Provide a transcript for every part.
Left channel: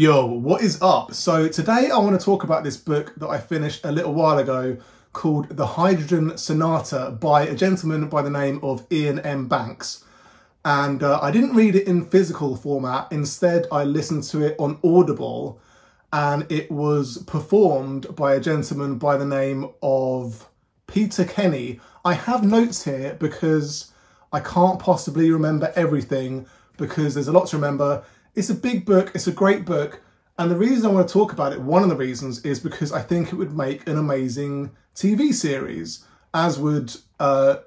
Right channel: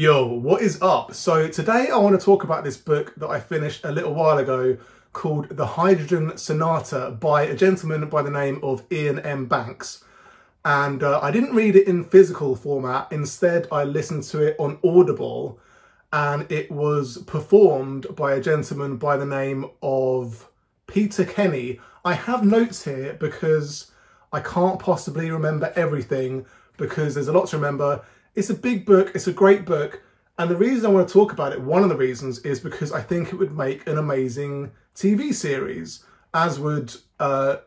Yo, what is up? So today I want to talk about this book that I finished a little while ago called The Hydrogen Sonata by a gentleman by the name of Ian M. Banks. And I didn't read it in physical format. Instead, I listened to it on Audible, and it was performed by a gentleman by the name of Peter Kenny. I have notes here because I can't possibly remember everything because there's a lot to remember. It's a big book, it's a great book, and the reason I want to talk about it, one of the reasons, is because I think it would make an amazing TV series, as would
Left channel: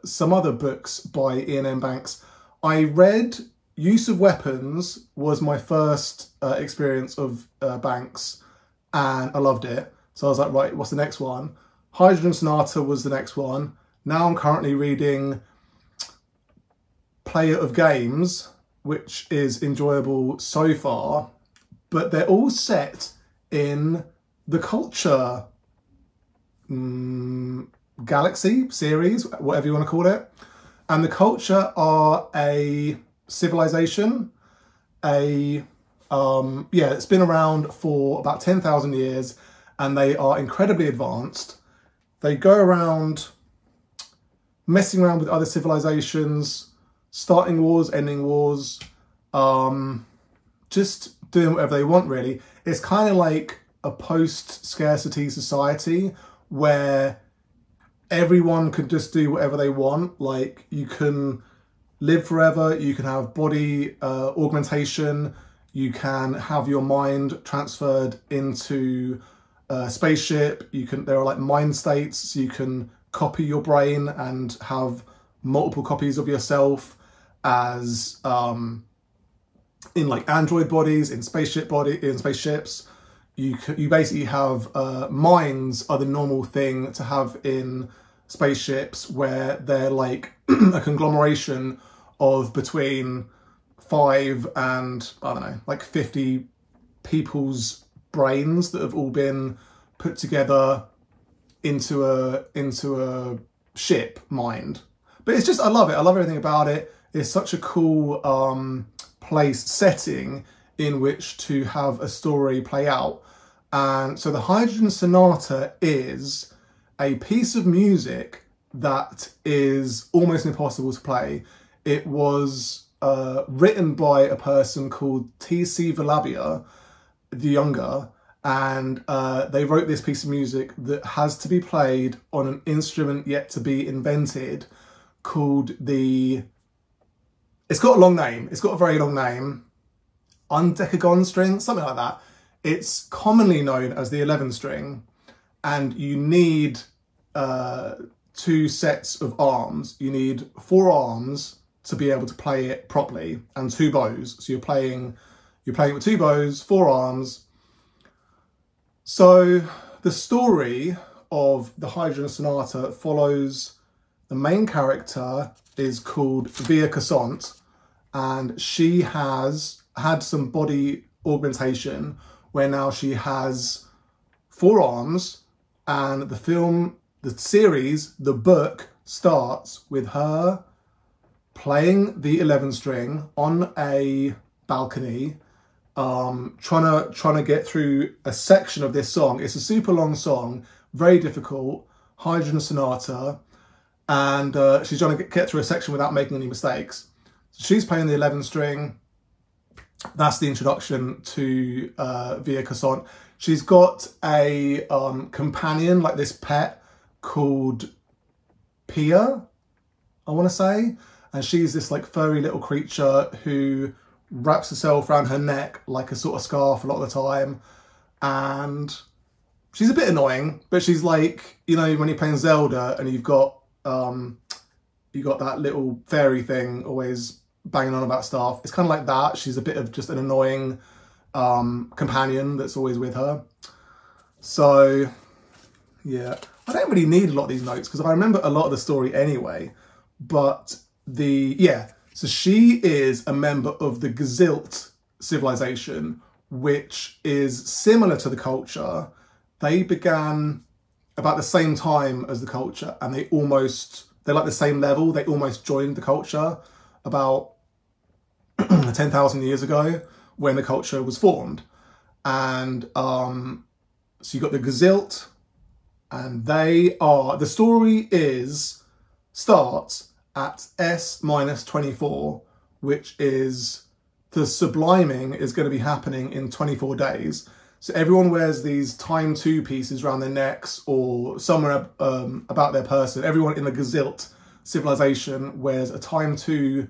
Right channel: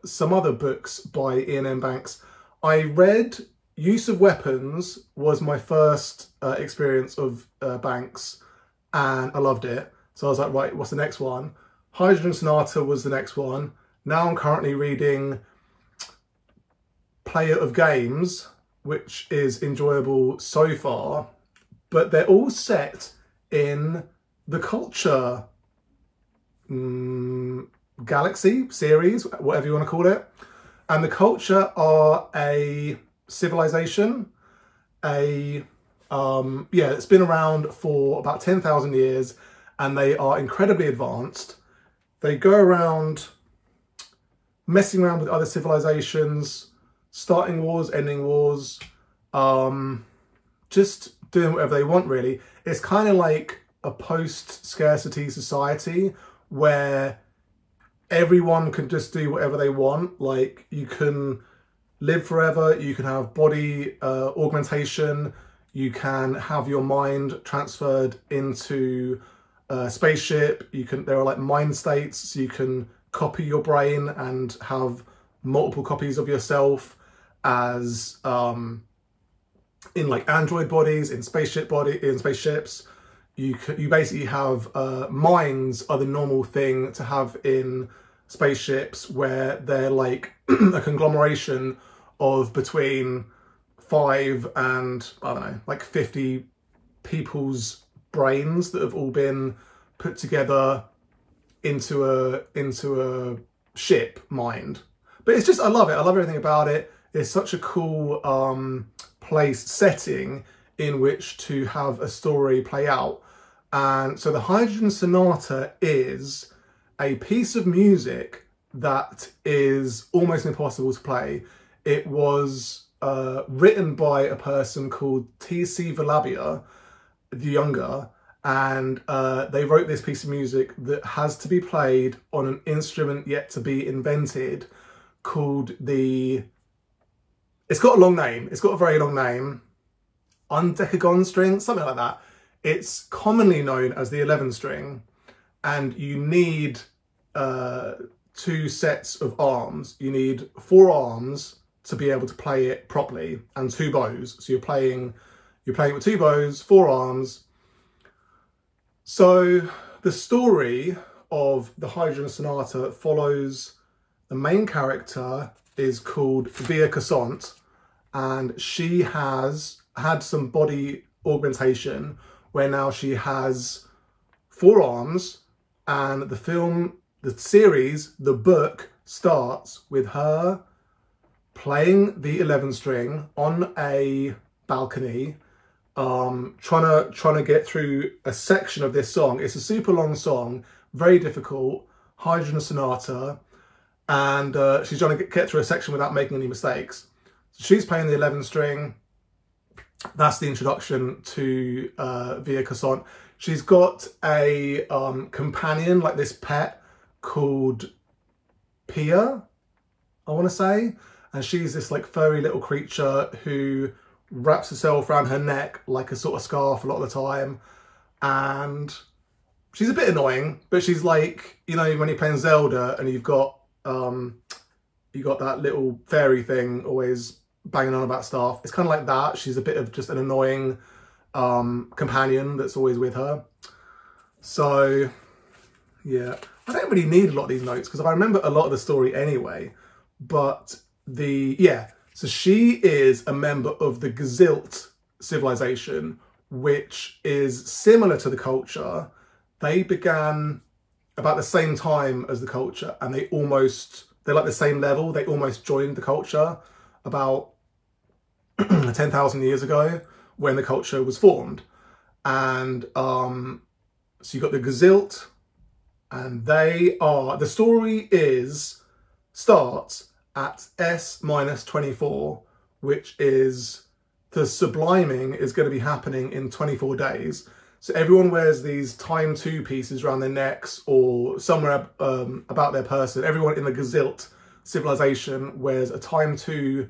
some other books by Ian M. Banks. I read Use of Weapons was my first experience of Banks, and I loved it. So I was like, right, what's the next one? Hydrogen Sonata was the next one. Now I'm currently reading Player of Games, which is enjoyable so far, but they're all set in the Culture galaxy series, whatever you want to call it. And the Culture are a civilization, it's been around for about 10,000 years, and they are incredibly advanced. They go around messing around with other civilizations, starting wars, ending wars, just doing whatever they want, really. It's kind of like a post-scarcity society where everyone can just do whatever they want. Like, you can live forever, you can have body augmentation, you can have your mind transferred into a spaceship, there are like mind states, so you can copy your brain and have multiple copies of yourself as in like android bodies, in spaceships. You basically have minds are the normal thing to have in spaceships, where they're like a conglomeration of between 5 and, I don't know, like 50 people's brains that have all been put together into a ship mind. But it's just, I love it. I love everything about it. It's such a cool setting in which to have a story play out. And so the Hydrogen Sonata is a piece of music that is almost impossible to play. It was written by a person called T.C. Volabia the Younger, and they wrote this piece of music that has to be played on an instrument yet to be invented called it's got a long name. It's got a very long name. Undecagon string, something like that. It's commonly known as the 11 string, and you need 2 sets of arms. You need 4 arms to be able to play it properly, and 2 bows. So you're playing it with 2 bows, 4 arms. So the story of the Hydrogen Sonata follows the main character is called Cossant, and she has had some body augmentation where now she has 4 arms, and the series, the book starts with her playing the 11 string on a balcony, trying to get through a section of this song. It's a super long song, very difficult, Hydrogen Sonata, and she's trying to get through a section without making any mistakes. So she's playing the 11 string. That's the introduction to Cossant. She's got a companion, like this pet called Piun, I want to say, and she's this like furry little creature who wraps herself around her neck like a sort of scarf a lot of the time, and she's a bit annoying, but she's like, you know, when you're playing Zelda and you've got that little fairy thing always banging on about stuff. It's kind of like that. She's a bit of just an annoying companion that's always with her. So yeah, I don't really need a lot of these notes because I remember a lot of the story anyway. But so she is a member of the Gzilt civilization, which is similar to the Culture. They began about the same time as the Culture, and they're like the same level. They almost joined the Culture about 10,000 years ago when the Culture was formed. And so you got the Gzilt, and the story starts at S-24, which is the Subliming is going to be happening in 24 days. So everyone wears these time 2 pieces around their necks or somewhere about their person. Everyone in the Gzilt civilization wears a time 2,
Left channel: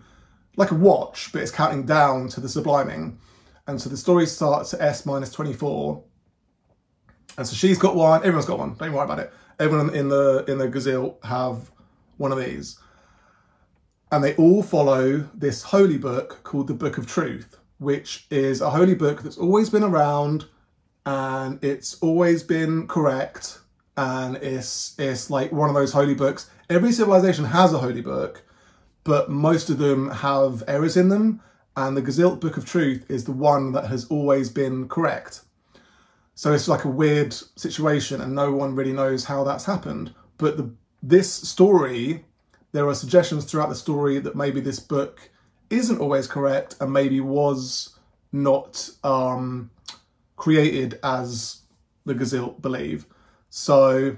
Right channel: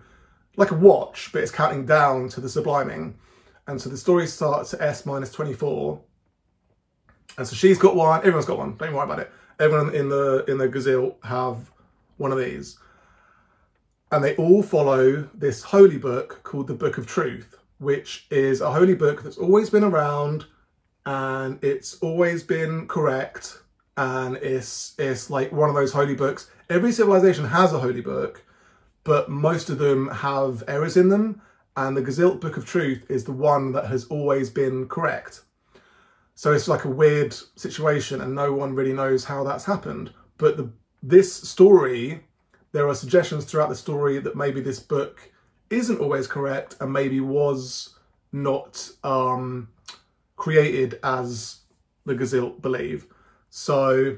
like a watch, but it's counting down to the Subliming. And so the story starts at S-24. And so she's got one, everyone's got one, don't even worry about it. Everyone in the Gzilt have one of these. And they all follow this holy book called the Book of Truth, which is a holy book that's always been around, and it's always been correct, and it's like one of those holy books. Every civilization has a holy book, but most of them have errors in them, and the Gzilt Book of Truth is the one that has always been correct. So it's like a weird situation, and no one really knows how that's happened. But this story, there are suggestions throughout the story that maybe this book isn't always correct, and maybe was not created as the Gzilt believe. So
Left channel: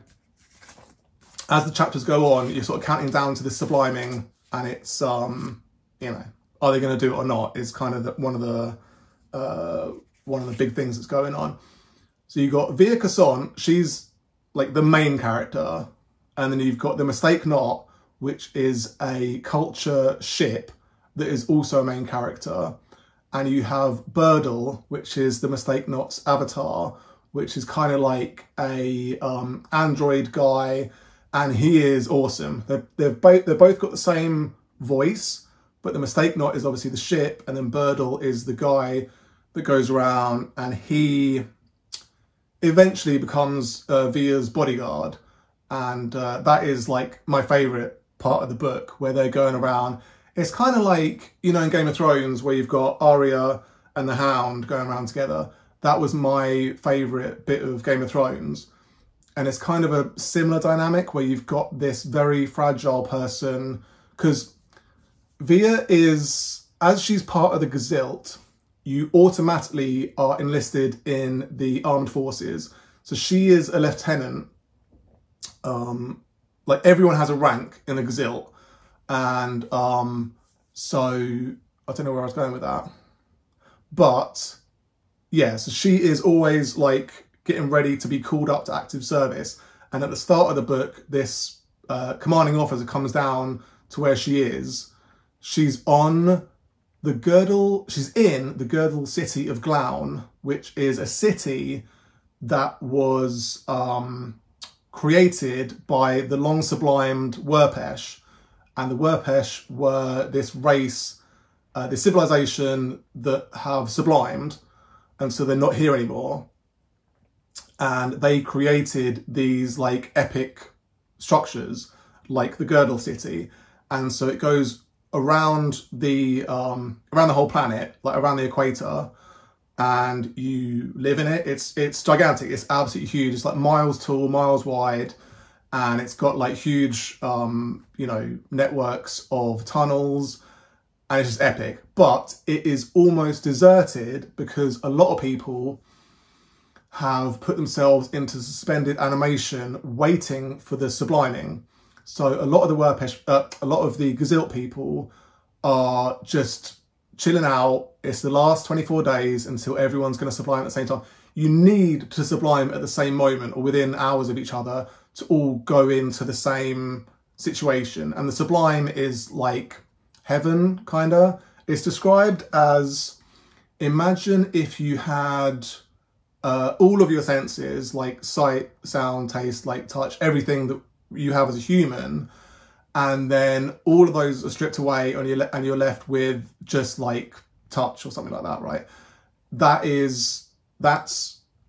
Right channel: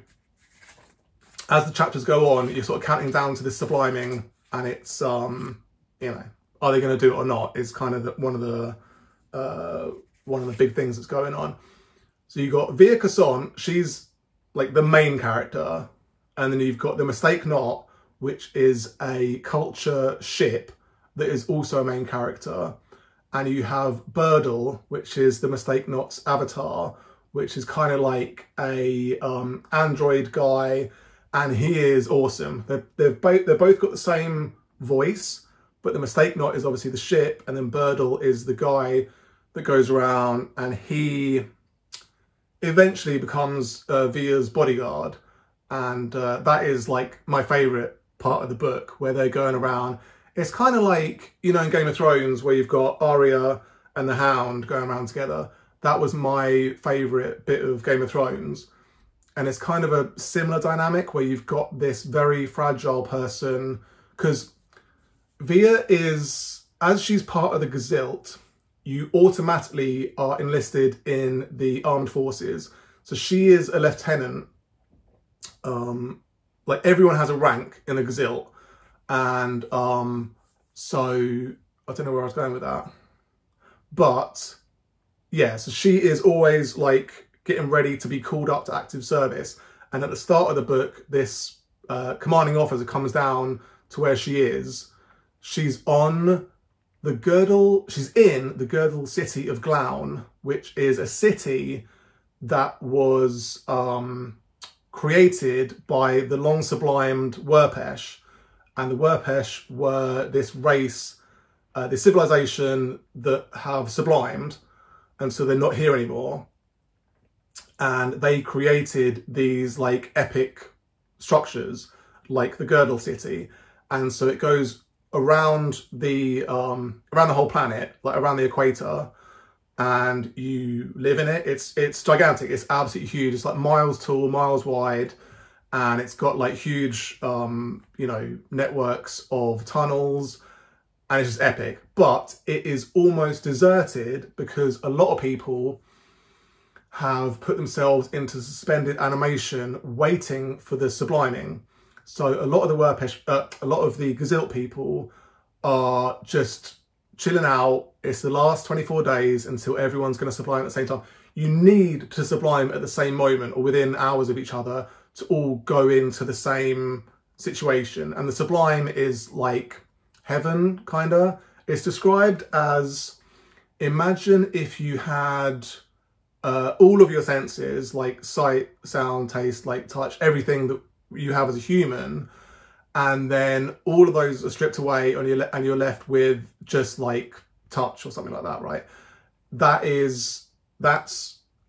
as the chapters go on, you're sort of counting down to this Subliming, and it's you know, are they going to do it or not is kind of one of the big things that's going on. So you've got Via Cossant, she's like the main character, and then you've got the Mistake Not, which is a culture ship that is also a main character. And you have Bodily, which is the Mistake Not's avatar, which is kind of like a android guy, and he is awesome. They've both got the same voice, but the Mistake Not is obviously the ship, and then Bodily is the guy that goes around, and he eventually becomes Via's bodyguard. And that is like my favourite part of the book, where they're going around. It's kind of like, you know, in Game of Thrones, where you've got Arya and the Hound going around together. That was my favourite bit of Game of Thrones. And it's kind of a similar dynamic, where you've got this very fragile person, because Via is, as she's part of the Gzilt, you automatically are enlisted in the armed forces. So she is a lieutenant. Like everyone has a rank in the Gzilt. And so I don't know where I was going with that. But yeah, so she is always like getting ready to be called up to active service. And at the start of the book, this commanding officer comes down to where she is. She's on the girdle, she's in the girdle city of Glaun, which is a city that was created by the long sublimed Werpesh. And the Werpesh were this race, this civilization that have sublimed, and so they're not here anymore. And they created these like epic structures, like the Girdle City, and so it goes around the whole planet, like around the equator, and you live in it. It's gigantic. It's absolutely huge. It's like miles tall, miles wide. And it's got like huge, you know, networks of tunnels, and it's just epic. But it is almost deserted because a lot of people have put themselves into suspended animation waiting for the Subliming. So a lot of the Werpesh, a lot of the Gzilt people are just chilling out. It's the last 24 days until everyone's going to sublime at the same time. You need to sublime at the same moment or within hours of each other to all go into the same situation. And the Sublime is like heaven, kind of. It's described as, imagine if you had all of your senses, like sight, sound, taste, like touch, everything that you have as a human, and then all of those are stripped away and you're left with just like touch or something like that, right? That's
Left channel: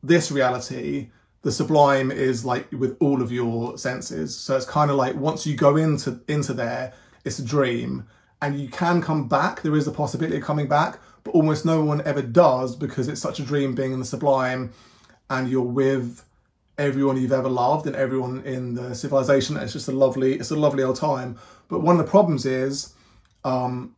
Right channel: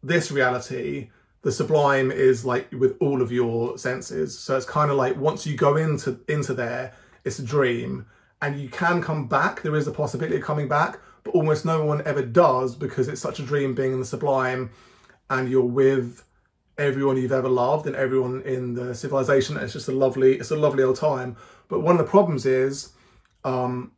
this reality. The Sublime is like with all of your senses. So it's kind of like once you go into there, it's a dream, and you can come back. There is a possibility of coming back, but almost no one ever does because it's such a dream being in the Sublime, and you're with everyone you've ever loved and everyone in the civilization. It's just a lovely old time. But one of the problems is a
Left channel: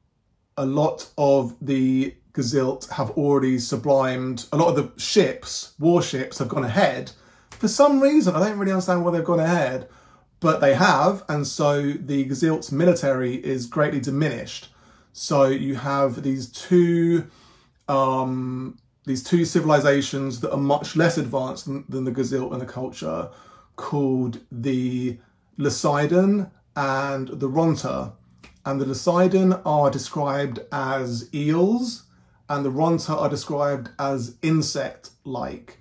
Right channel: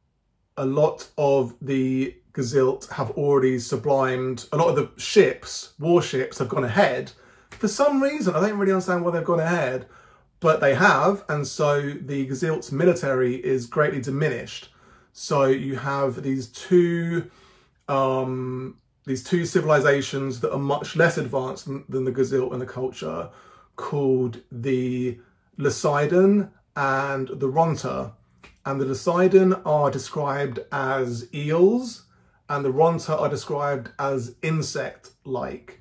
lot of the Gzilt have already sublimed. A lot of the ships, warships, have gone ahead. For some reason, I don't really understand why they've gone ahead, but they have, and so the Gzilt's military is greatly diminished. So you have these two civilizations that are much less advanced than the Gzilt and the culture, called the Loseiden and the Ronta. And the Loseiden are described as eels, and the Ronta are described as insect-like.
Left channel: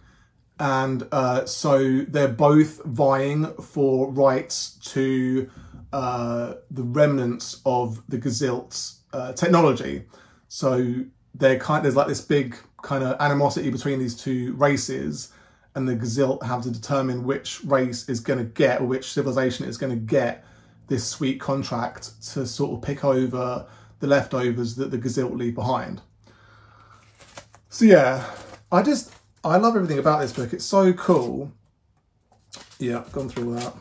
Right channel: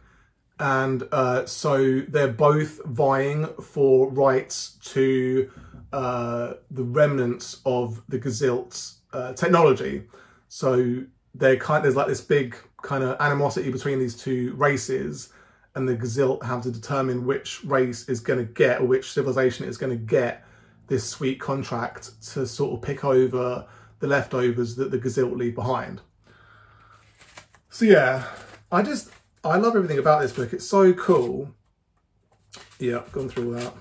And so they're both vying for rights to the remnants of the Gzilt's technology. So there's like this big kind of animosity between these two races, and the Gzilt have to determine which race is going to get, or which civilization is going to get, this sweet contract to sort of pick over the leftovers that the Gzilt leave behind. So yeah, I love everything about this book. It's so cool. Yeah, I've gone through all that.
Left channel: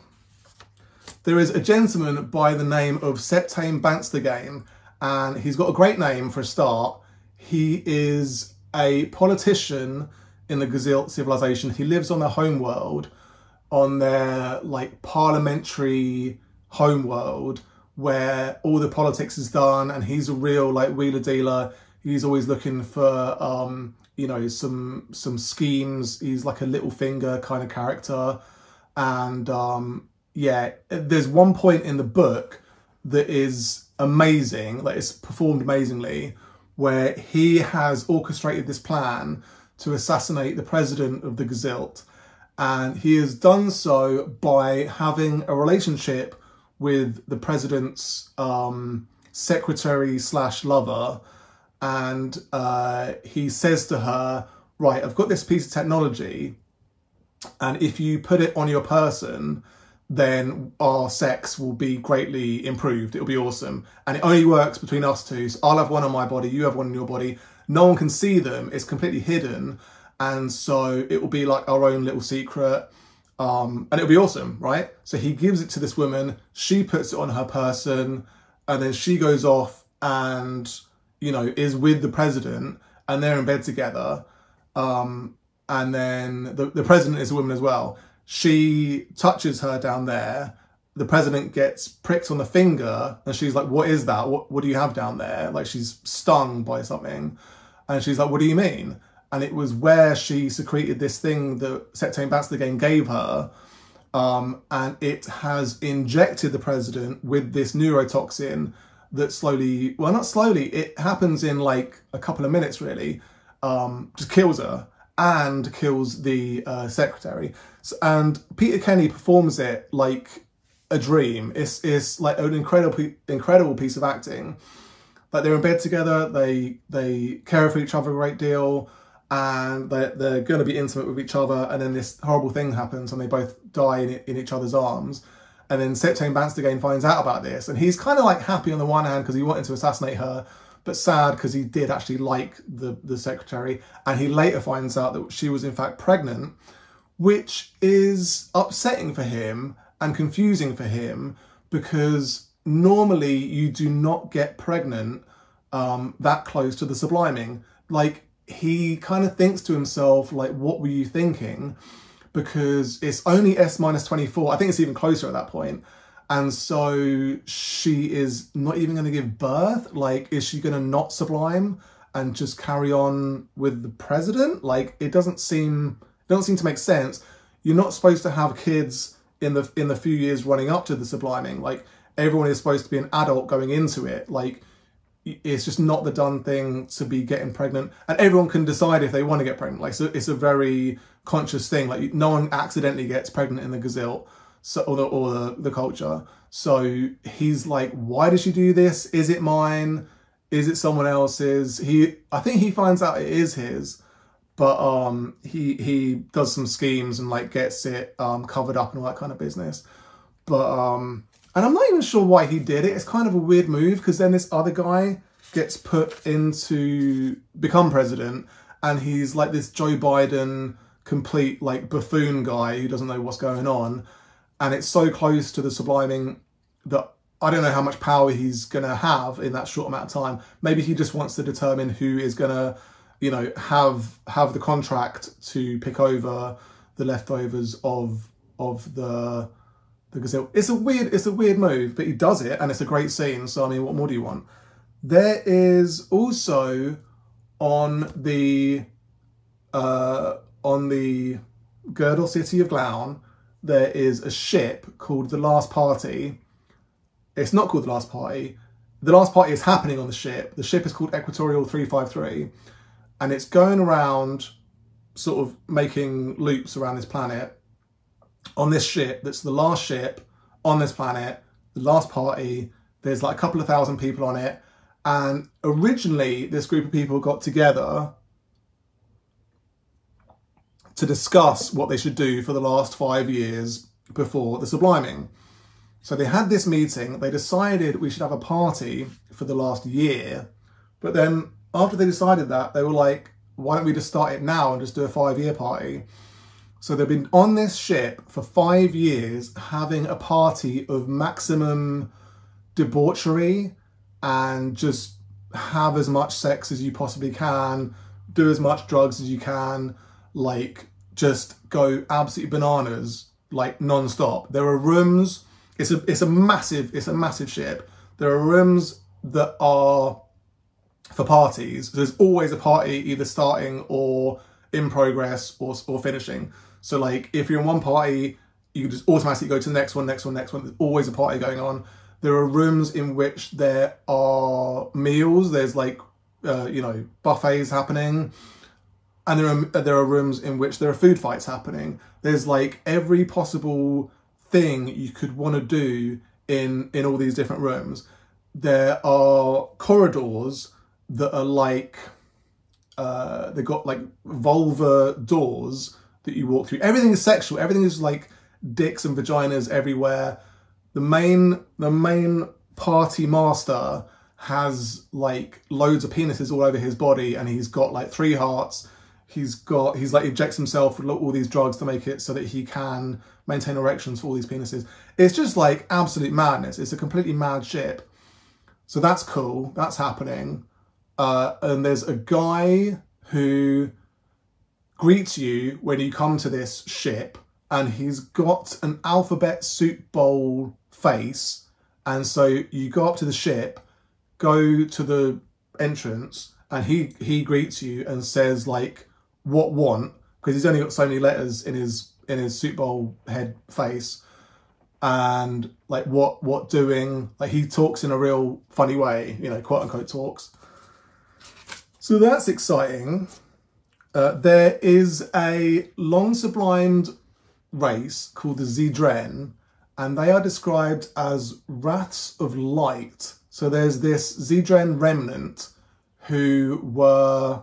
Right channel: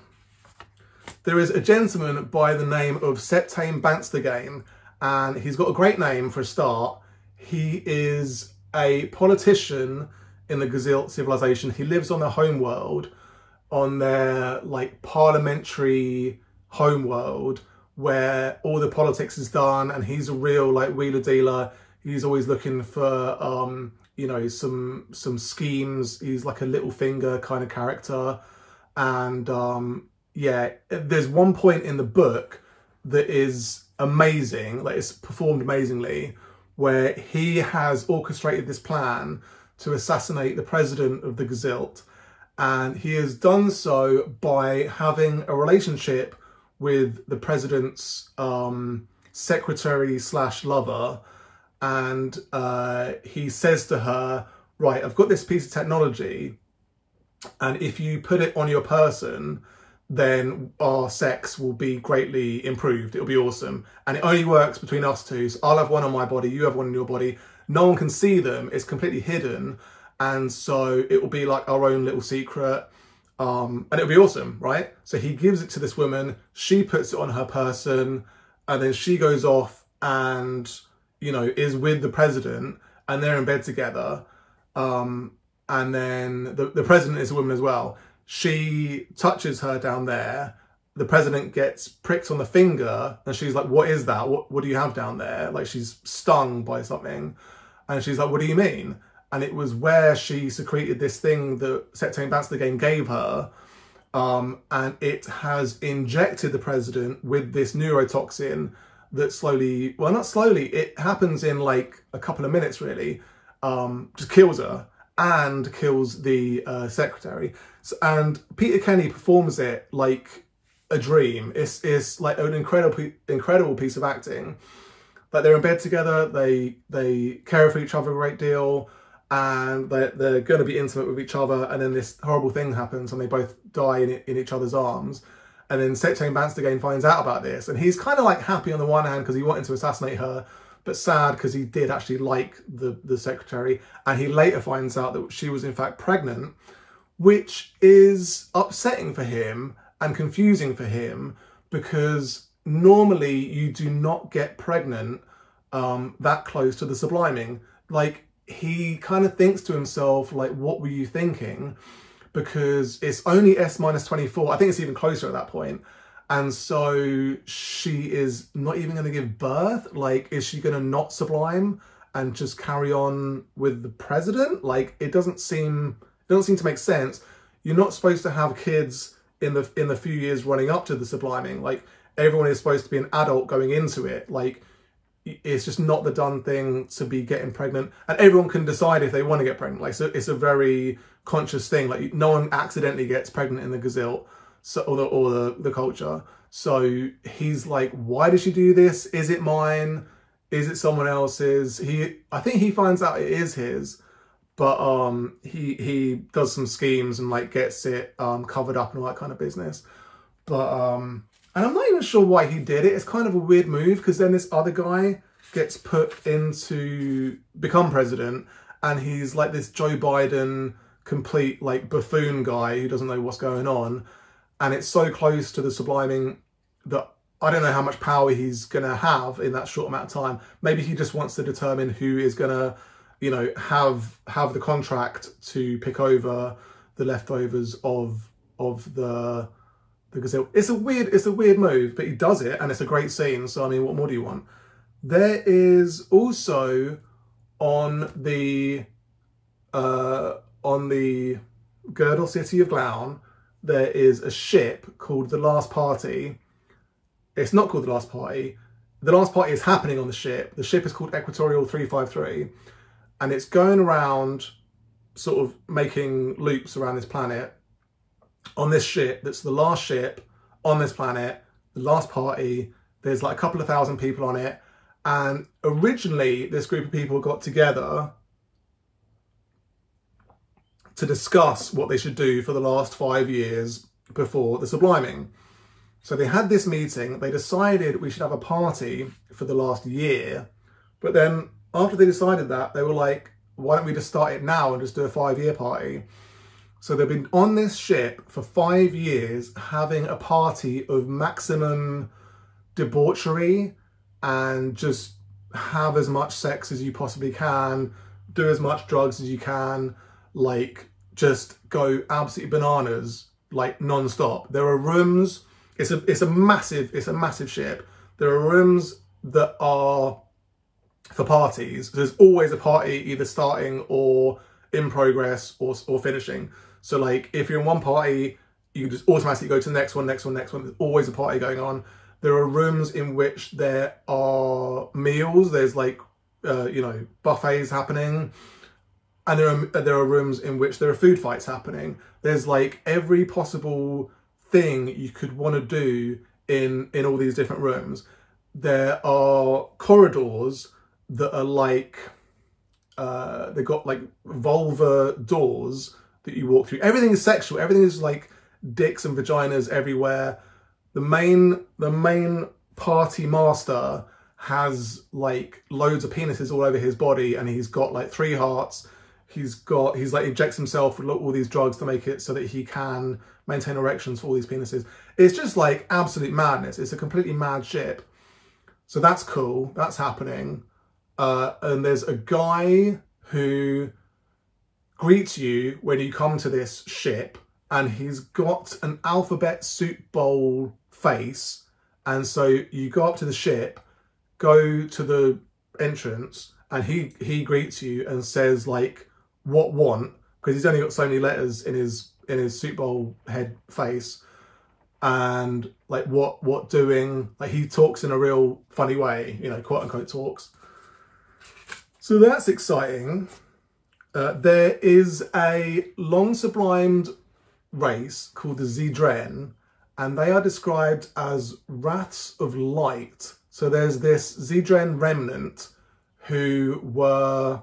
There is a gentleman by the name of Septame Banstagane, and he's got a great name for a start. He is a politician in the Gzilt civilization. He lives on their homeworld, on their like parliamentary homeworld, where all the politics is done, and he's a real like wheeler dealer. He's always looking for you know, some schemes. He's like a little finger kind of character. And yeah, there's one point in the book that is amazing, like it's performed amazingly, where he has orchestrated this plan to assassinate the president of the Gzilt. And he has done so by having a relationship with the president's secretary / lover. And he says to her, right, I've got this piece of technology, and if you put it on your person, then our sex will be greatly improved. It'll be awesome. And it only works between us two. So I'll have one on my body, you have one on your body. No one can see them. It's completely hidden. And so it will be like our own little secret. And it'll be awesome, right? So he gives it to this woman. She puts it on her person. And then she goes off and, you know, is with the president. And they're in bed together. And then the president is a woman as well. She touches her down there. The president gets pricked on the finger, and she's like, what is that? What do you have down there? Like, she's stung by something. And she's like, what do you mean? And it was where she secreted this thing that Septame Banstagane gave her. And it has injected the president with this neurotoxin that slowly, well, not slowly, it happens in like a couple of minutes really, just kills her and kills the secretary. And Peter Kenny performs it like a dream. It's like an incredible piece of acting. Like, they're in bed together, they care for each other a great deal, and they're going to be intimate with each other, and then this horrible thing happens and they both die in each other's arms. And then Septame Banstagane finds out about this, and he's kind of like happy on the one hand because he wanted to assassinate her, but sad because he did actually like the secretary. And he later finds out that she was in fact pregnant, which is upsetting for him and confusing for him, because normally you do not get pregnant that close to the subliming. Like, he kind of thinks to himself, like, what were you thinking? Because it's only S-24. I think it's even closer at that point. And so she is not even going to give birth. Like, is she going to not sublime and just carry on with the president? Like, it doesn't seem to make sense. You're not supposed to have kids in the few years running up to the subliming. Like, everyone is supposed to be an adult going into it. Like, it's just not the done thing to be getting pregnant. And everyone can decide if they want to get pregnant. Like, so it's a very conscious thing. Like, no one accidentally gets pregnant in the Gzilt, so, or the culture. So he's like, why did she do this? Is it mine? Is it someone else's? I think he finds out it is his, but he does some schemes and like gets it covered up and all that kind of business. But and I'm not even sure why he did it. It's kind of a weird move, because then this other guy gets put into become president, and he's like this Joe Biden complete like buffoon guy who doesn't know what's going on. And it's so close to the subliming that I don't know how much power he's going to have in that short amount of time. Maybe he just wants to determine who is going to, you know, have the contract to pick over the leftovers of the Gzilt. It's a weird move, but he does it, and it's a great scene. So I mean, what more do you want? There is also on the girdle city of Glaun, there is a ship called the Last Party. It's not called the Last Party. The Last Party is happening on the ship. The ship is called Equatorial 353, and it's going around sort of making loops around this planet on this ship. That's the last ship on this planet, the Last Party. There's like a couple of thousand people on it. And originally this group of people got together to discuss what they should do for the last 5 years before the Subliming. So they had this meeting, they decided we should have a party for the last year. But then after they decided that, they were like, why don't we just start it now and just do a 5-year party? So they've been on this ship for 5 years, having a party of maximum debauchery and just have as much sex as you possibly can, do as much drugs as you can, like just go absolutely bananas, like non-stop. There are rooms, it's a massive ship. There are rooms that are for parties. There's always a party either starting or in progress or finishing. So like if you're in one party, you can just automatically go to the next one. There's always a party going on. There are rooms in which there are meals. There's like, you know, buffets happening. And there are rooms in which there are food fights happening. There's like every possible thing you could want to do in all these different rooms. There are corridors that are like, they've got like vulvar doors that you walk through. Everything is sexual. Everything is like dicks and vaginas everywhere. The main party master has like loads of penises all over his body, and he's got like 3 hearts. He's like injects himself with all these drugs to make it so that he can maintain erections for all these penises. It's just like absolute madness. It's a completely mad ship. So that's cool. That's happening. And there's a guy who greets you when you come to this ship, and he's got an alphabet soup bowl face. And so you go up to the ship, go to the entrance, and he greets you and says like, what want? Because he's only got so many letters in his soup bowl head face. And like what doing? Like he talks in a real funny way, you know, quote unquote talks. So that's exciting. There is a long sublimed race called the Zeedren, and they are described as Wraiths of Light. So there's this Zeedren remnant who were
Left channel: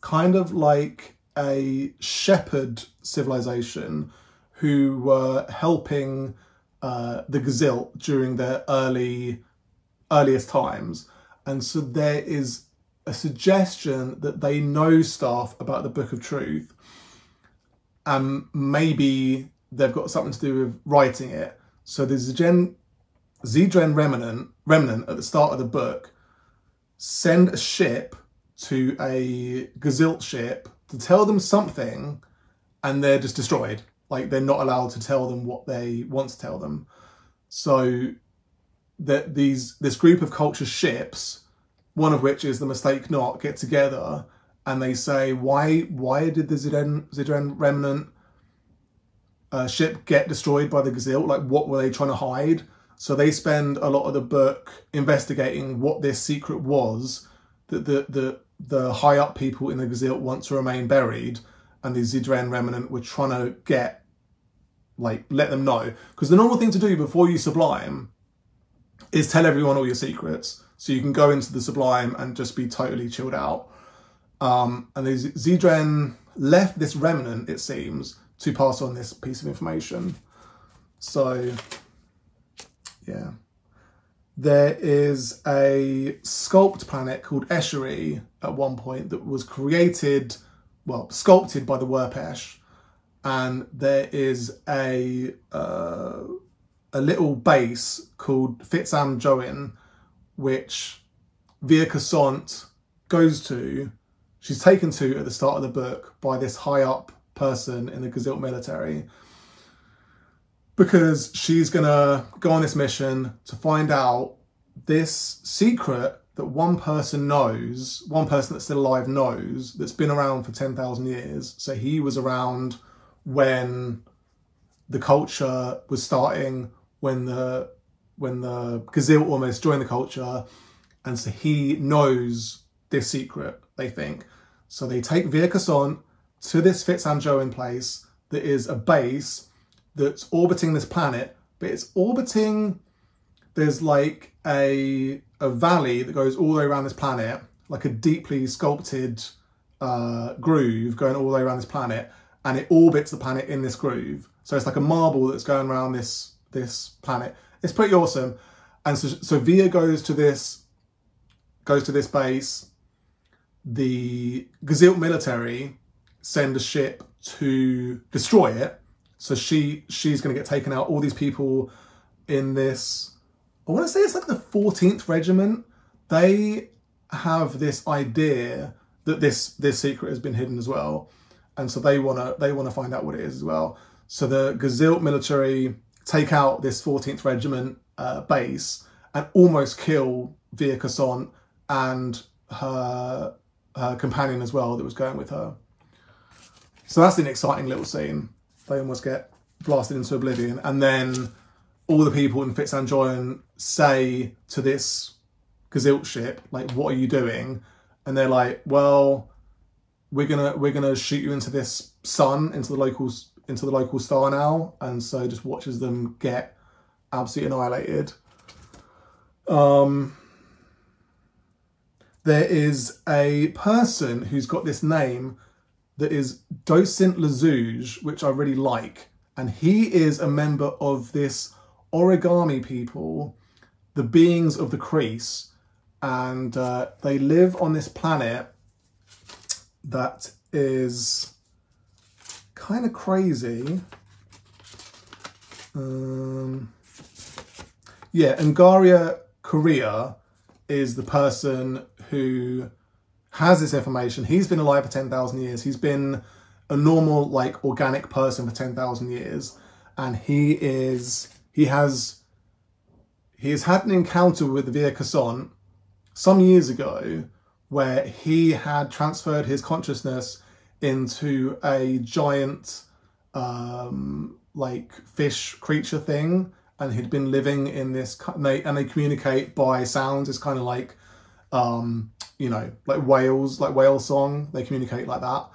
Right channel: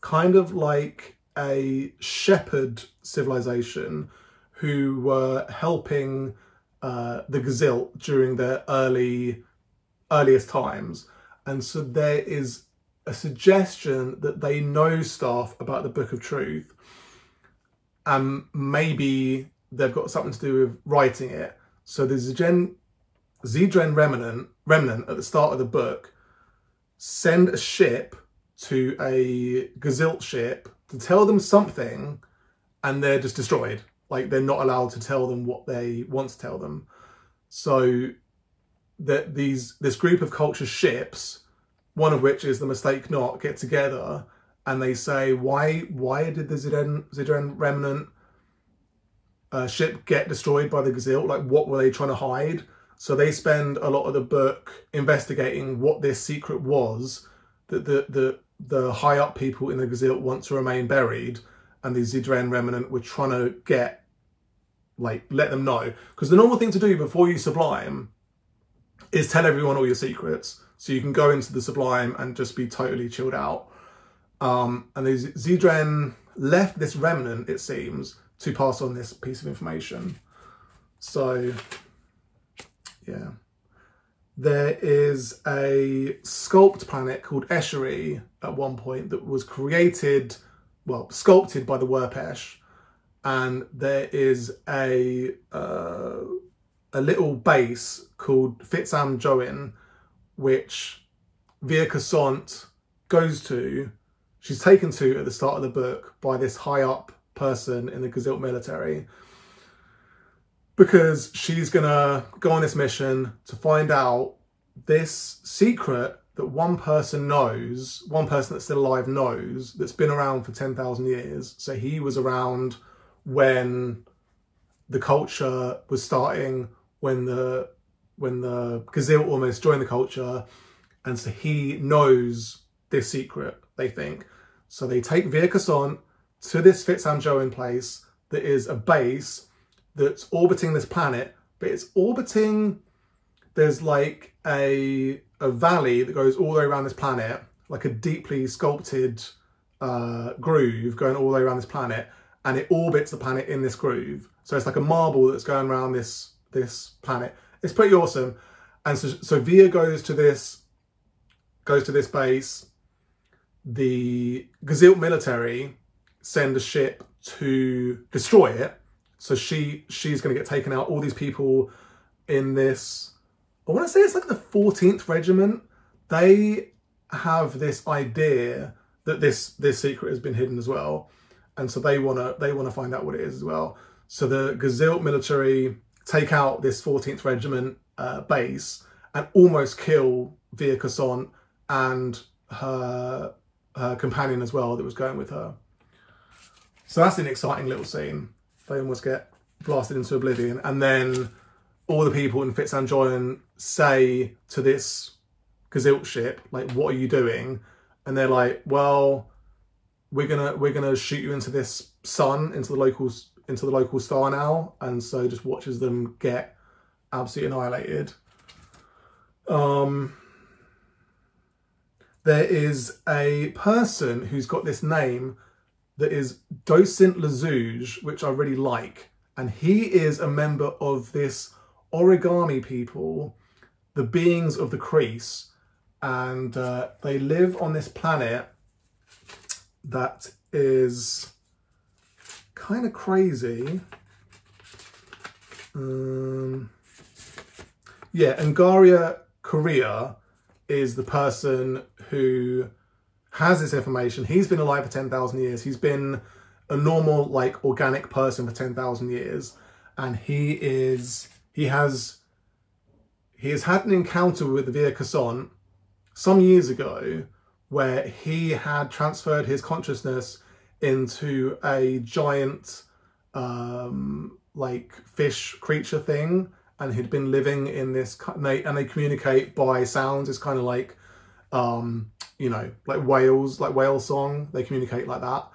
kind of like a shepherd civilization who were helping the Gzilt during their earliest times. And so there is a suggestion that they know stuff about the Book of Truth, and maybe they've got something to do with writing it. So there's a Zeedren remnant at the start of the book send a ship to a Gzilt ship to tell them something, and they're just destroyed. Like they're not allowed to tell them what they want to tell them. So that this group of culture ships, one of which is the Mistake Not, get together and they say, why did the Zeedren remnant ship get destroyed by the Gzilt? Like what were they trying to hide? So they spend a lot of the book investigating what this secret was that the high up people in the Gzilt want to remain buried, and the Zeedren remnant were trying to get, like, let them know. Because the normal thing to do before you sublime is tell everyone all your secrets, so you can go into the Sublime and just be totally chilled out. And the Zeedren left this remnant, it seems, to pass on this piece of information. So, yeah. There is a Sculpt planet called Eschery at one point that was created, well, sculpted by the Werpesh. And there is a a little base called Fitzam Join, which Via Cossant goes to. She's taken to at the start of the book by this high up person in the Gzilt military, because she's gonna go on this mission to find out this secret that one person knows, one person that's still alive knows, that's been around for 10,000 years. So he was around when the culture was starting, when the Gzilt almost joined the culture, and so he knows this secret, they think. So they take Via Cossant to this Fitzam Join place that is a base that's orbiting this planet, but it's orbiting, there's like a valley that goes all the way around this planet, like a deeply sculpted groove going all the way around this planet, and it orbits the planet in this groove. So it's like a marble that's going around this planet. It's pretty awesome. And so Via goes to this base. The Gzilt military send a ship to destroy it. So she's going to get taken out. All these people in this, I want to say it's like the 14th regiment. They have this idea that this secret has been hidden as well, and so they wanna find out what it is as well. So the Gzilt military take out this 14th regiment base and almost kill Via Cossant and her companion as well that was going with her. So that's an exciting little scene. They almost get blasted into oblivion, and then all the people in Fitzam Join say to this Gzilt ship, like, what are you doing? And they're like, well, we're gonna shoot you into this sun, into the local star now. And so just watches them get absolutely annihilated. There is a person who's got this name that is Docent Lazouge, which I really like. And he is a member of this origami people, the beings of the crease. And they live on this planet that is kind of crazy. Yeah, NGario Kiria is the person who has this information. He's been alive for 10,000 years. He's been a normal, like, organic person for 10,000 years. And he has had an encounter with Via Cossant some years ago where he had transferred his consciousness into a giant, like, fish creature thing. And he'd been living in this, and they communicate by sounds. It's kind of like, you know, like whales, like whale song. They communicate like that.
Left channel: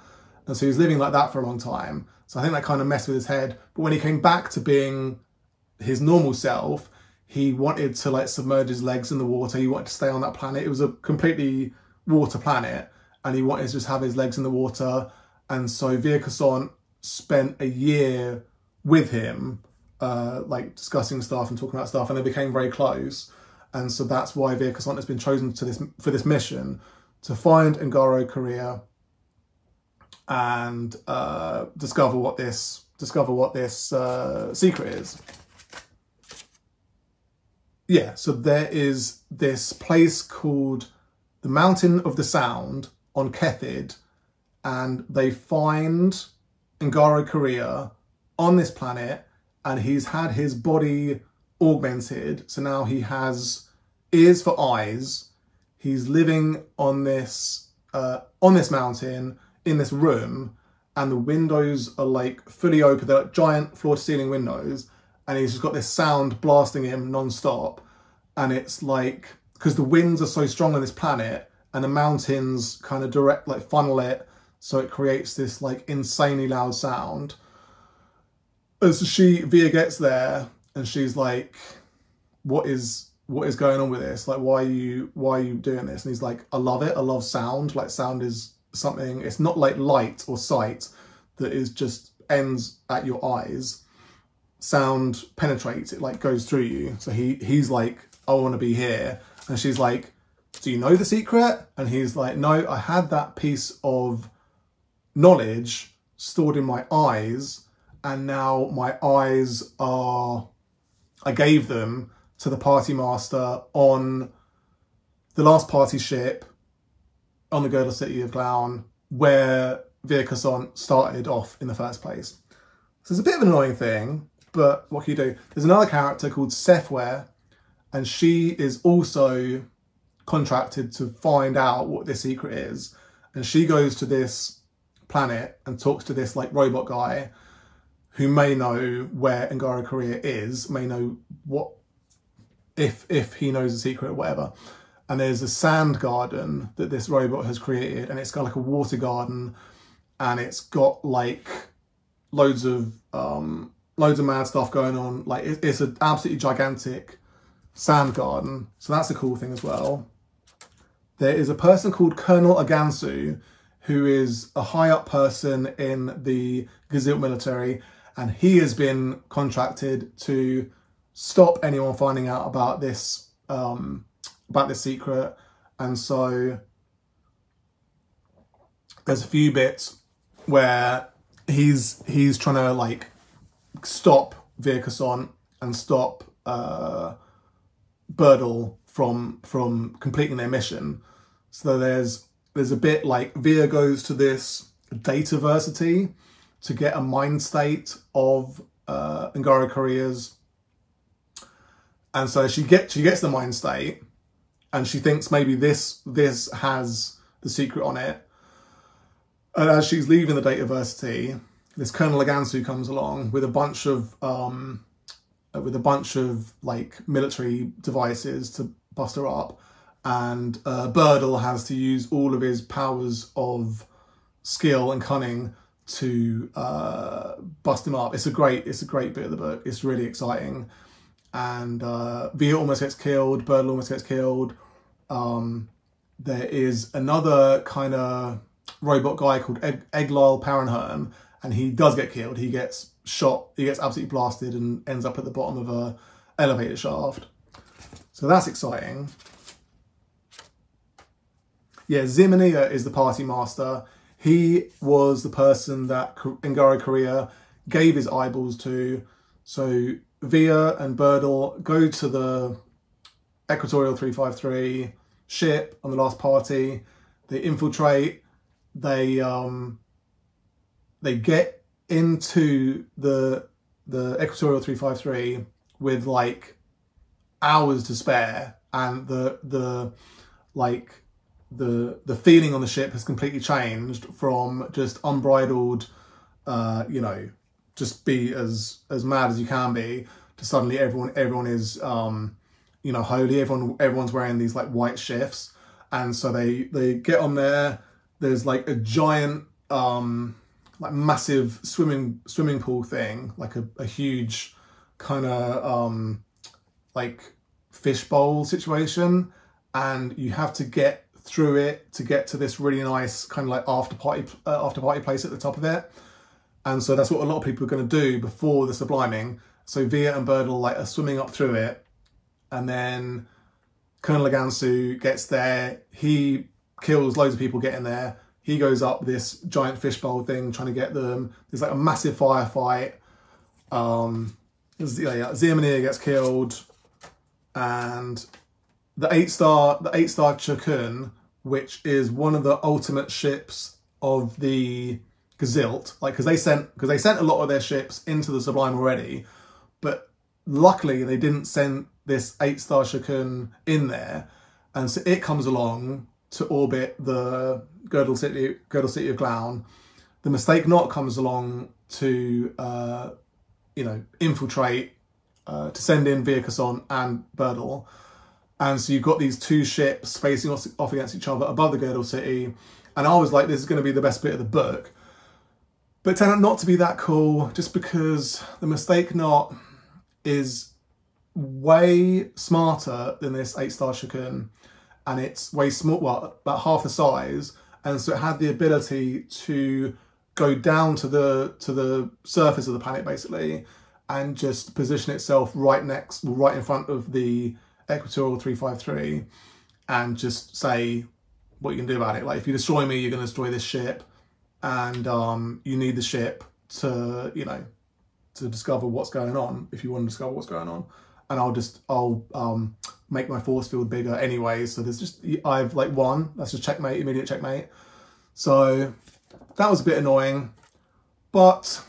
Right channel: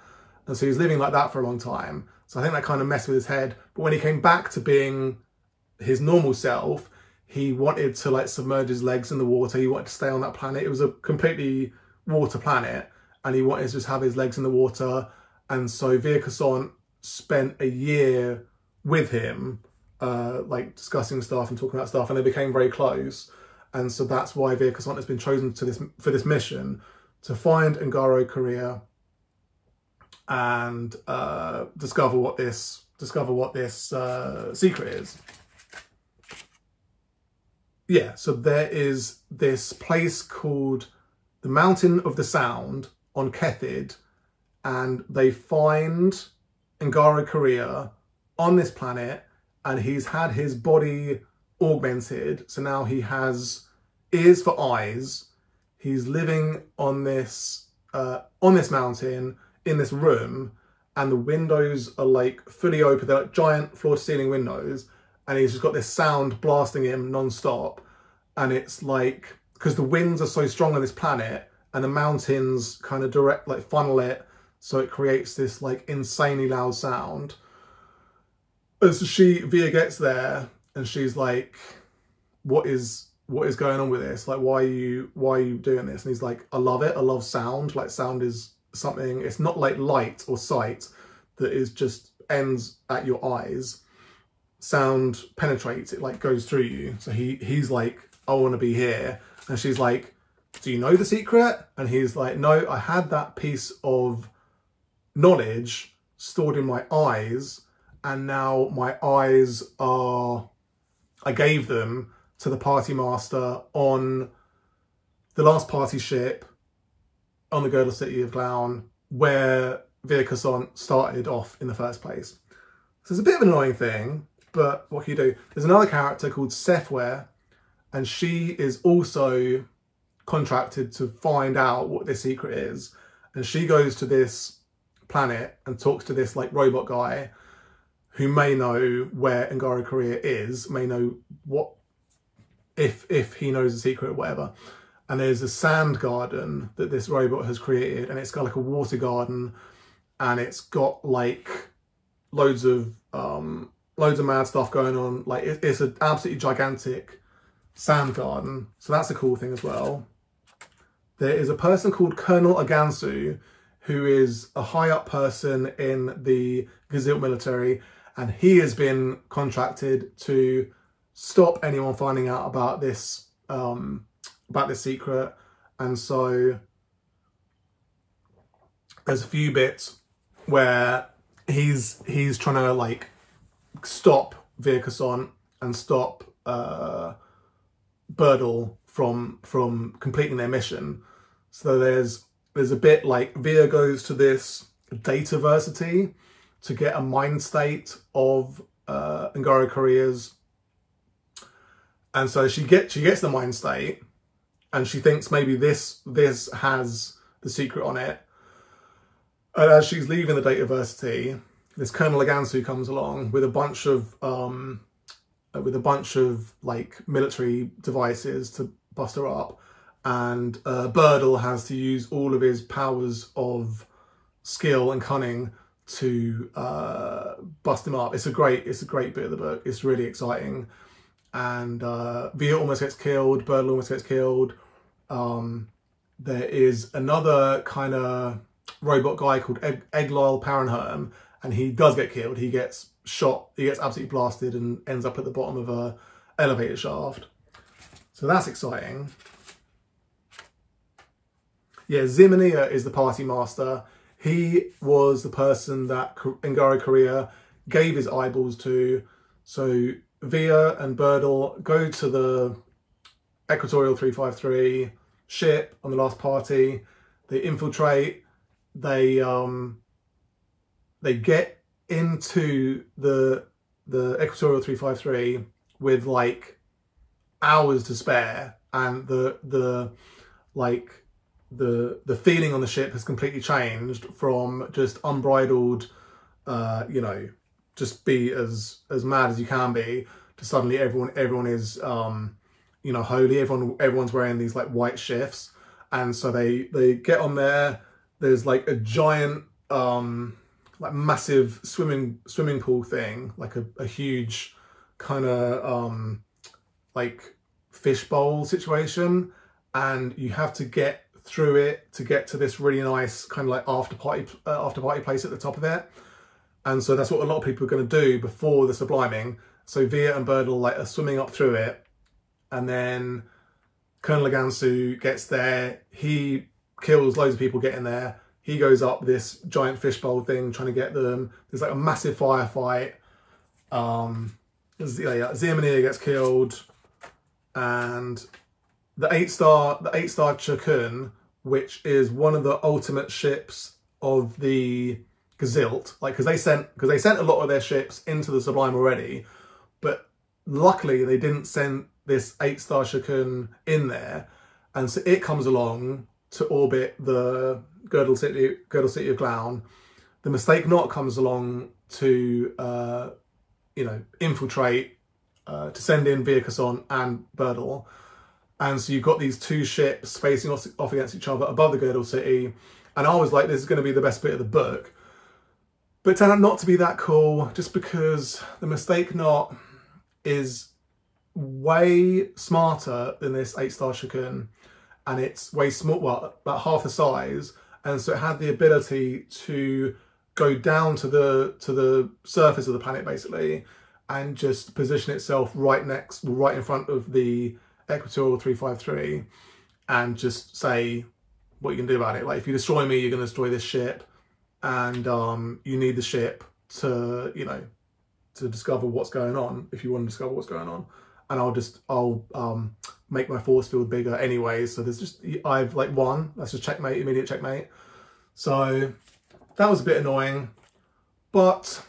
And so he was living like that for a long time. So I think that kind of messed with his head. But when he came back to being his normal self, he wanted to, like, submerge his legs in the water. He wanted to stay on that planet. It was a completely water planet, and he wanted to just have his legs in the water. And so Via Cossant spent a year with him, like, discussing stuff and talking about stuff, and they became very close. And so that's why Via Cossant has been chosen for this mission, to find NGario Kiria and discover what this secret is. Yeah, so there is this place called the Mountain of the Sound on Kethid, and they find NGario Kiria on this planet, and he's had his body augmented. So now he has ears for eyes. He's living on this mountain in this room, and the windows are, like, fully open. They're like giant floor-to-ceiling windows, and he's just got this sound blasting him non-stop. And it's like, because the winds are so strong on this planet, and the mountains kind of funnel it, so it creates this, like, insanely loud sound. As Via gets there, and she's like, what is going on with this? Like, why are you doing this? And he's like, I love it. I love sound. Like, sound is something, it's not like light or sight that is just ends at your eyes. Sound penetrates, it, like, goes through you. So he's like, I want to be here. And she's like, do you know the secret? And he's like, no, I had that piece of knowledge stored in my eyes, and now my eyes are I gave them to the party master on the last party ship on the Girdle City of Glown, where Via Cossant started off in the first place. So it's a bit of an annoying thing, but what can you do? There's another character called Sephware, and she is also contracted to find out what this secret is. And she goes to this planet and talks to this like robot guy who may know where NGario Kiria is, may know what, if he knows the secret or whatever. And there's a sand garden that this robot has created, and it's got like a water garden, and it's got like loads of mad stuff going on. Like it's an absolutely gigantic sand garden. So that's a cool thing as well. There is a person called Colonel Agansu, who is a high up person in the Gzilt military, and he has been contracted to stop anyone finding out about this secret. And so there's a few bits where he's trying to like stop Via Cossant and stop Bodily from completing their mission. So there's a bit like Via goes to this dataversity to get a mind state of NGario Kiria's, and so she gets the mind state, and she thinks maybe this has the secret on it. And as she's leaving the dataversity, this Colonel Agansu comes along with a bunch of like military devices to bust her up, and Bodily has to use all of his powers of skill and cunning to bust him up. It's a great bit of the book. It's really exciting. And Via almost gets killed, Bodily almost gets killed. There is another kind of robot guy called Egglile Parenherm, and he does get killed. He gets shot, he gets absolutely blasted and ends up at the bottom of a elevator shaft. So that's exciting. Yeah, Zeedren is the party master. He was the person that NGario Kiria gave his eyeballs to. So Via and Bodily go to the Equatorial 353 ship on the last party. They infiltrate. They get into the Equatorial 353 with like hours to spare, and the feeling on the ship has completely changed from just unbridled, you know, just be as mad as you can be, to suddenly everyone is, you know, holy. Everyone's wearing these like white shifts, and so they get on there. There's like a giant, like massive swimming pool thing, like a huge kind of like fishbowl situation, and you have to get through it to get to this really nice kind of like after party place at the top of it. And so that's what a lot of people are going to do before the subliming. So Via and Bodily like are swimming up through it, and then Colonel Agansu gets there. He kills loads of people getting there. He goes up this giant fishbowl thing trying to get them. There's like a massive firefight. Zeedren gets killed, and the 8-star Chukun, which is one of the ultimate ships of the Gzilt, like because they sent a lot of their ships into the Sublime already, but luckily they didn't send this 8-star Chukun in there, and so it comes along to orbit the Girdle City of Glown. The Mistake Not comes along to you know, infiltrate, to send in Via Cossant and Bodily. And so you've got these two ships facing off against each other above the Girdle City. And I was like, this is going to be the best bit of the book. But it turned out not to be that cool, just because the Mistake Not is way smarter than this 8-star Chukun. And it's way small, well, about half the size. And so it had the ability to go down to the surface of the planet, basically, and just position itself right in front of the Equatorial 353, and just say what you can do about it. Like, if you destroy me, you're going to destroy this ship, and you need the ship to, you know, to discover what's going on, if you want to discover what's going on. and I'll make my force field bigger anyway. So there's just, I've like won. That's just checkmate, immediate checkmate. So that was a bit annoying, but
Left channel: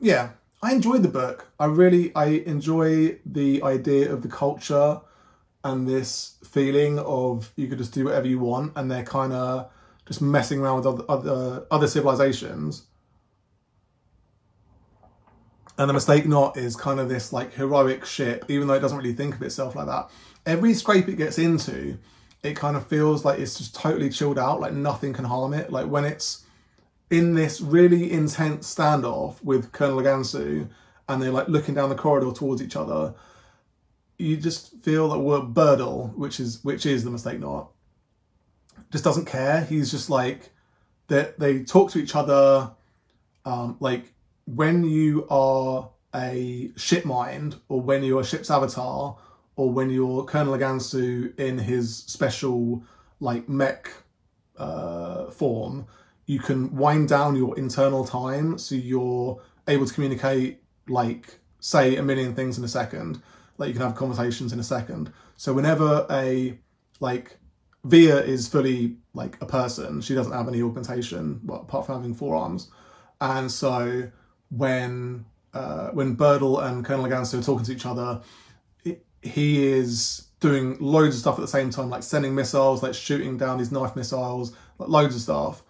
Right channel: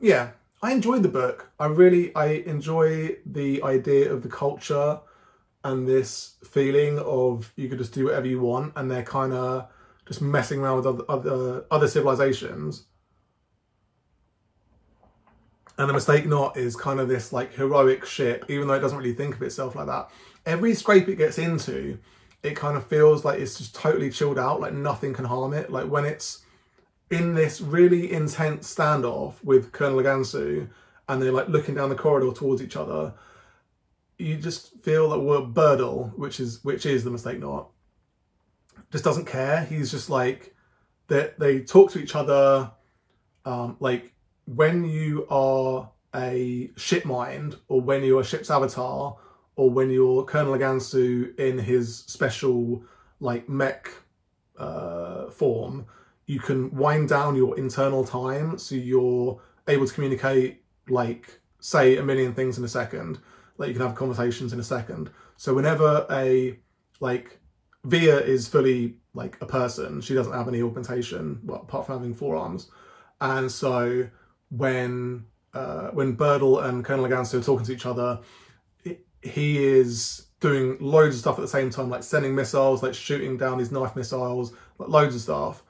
yeah, I enjoyed the book. I enjoy the idea of the culture and this feeling of you could just do whatever you want, and they're kind of just messing around with other civilizations. And the Mistake Knot is kind of this like heroic ship, even though it doesn't really think of itself like that. Every scrape it gets into, it kind of feels like it's just totally chilled out, like nothing can harm it. Like when it's in this really intense standoff with Colonel Gansu, and they're like looking down the corridor towards each other, you just feel that Bodily, which is the Mistake Knot, just doesn't care. He's just like, they talk to each other, like when you are a ship mind, or when you're a ship's avatar, or when you're Colonel Gansu in his special like mech form, you can wind down your internal time, so you're able to communicate, like, say a million things in a second. Like, you can have conversations in a second. So whenever like, Via is fully, like, a person. She doesn't have any augmentation, well, apart from having 4 arms. And so when Bodily and Colonel Gansu are talking to each other, he is doing loads of stuff at the same time, like sending missiles, like shooting down these knife missiles, like loads of stuff.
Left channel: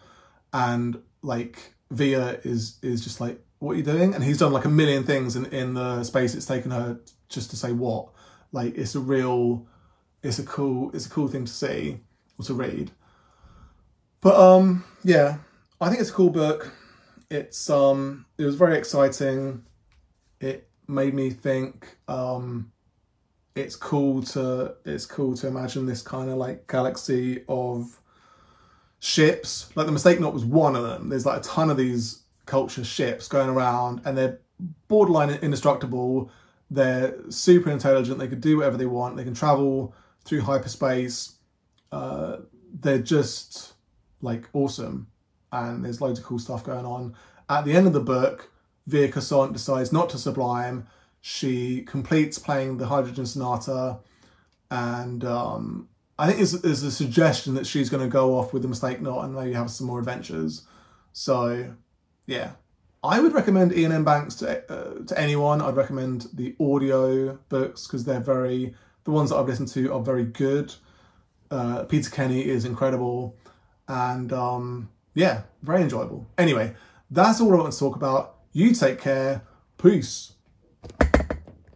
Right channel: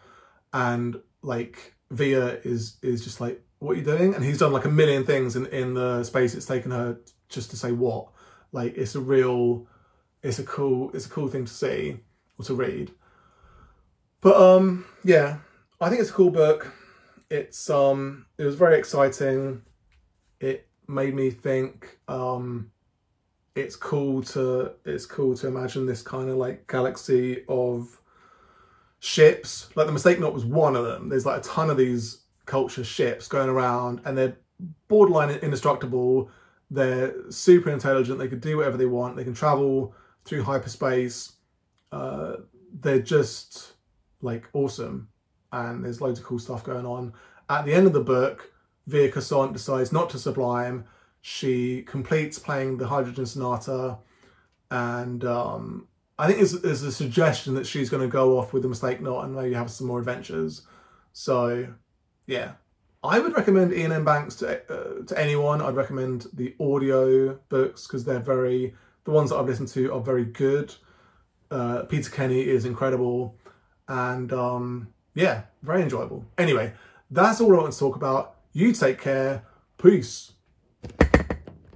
And like Via is just like, what are you doing? And he's done like a million things in the space it's taken her just to say what. Like it's a cool thing to see or to read. But yeah, I think it's a cool book. It was very exciting. It made me think it's cool to imagine this kind of like galaxy of ships. Like the Mistake Knot was one of them. There's like a ton of these culture ships going around, and they're borderline indestructible. They're super intelligent. They can do whatever they want. They can travel through hyperspace. They're just like awesome, and there's loads of cool stuff going on. At the end of the book, Via Cossant decides not to sublime. She completes playing the Hydrogen Sonata, and I think there's a suggestion that she's going to go off with the Mistake Knot and maybe have some more adventures. So yeah, I would recommend Ian M. Banks to anyone. I'd recommend the audio books because the ones that I've listened to are very good. Peter Kenny is incredible, and yeah, very enjoyable. Anyway, that's all I want to talk about. You take care. Peace.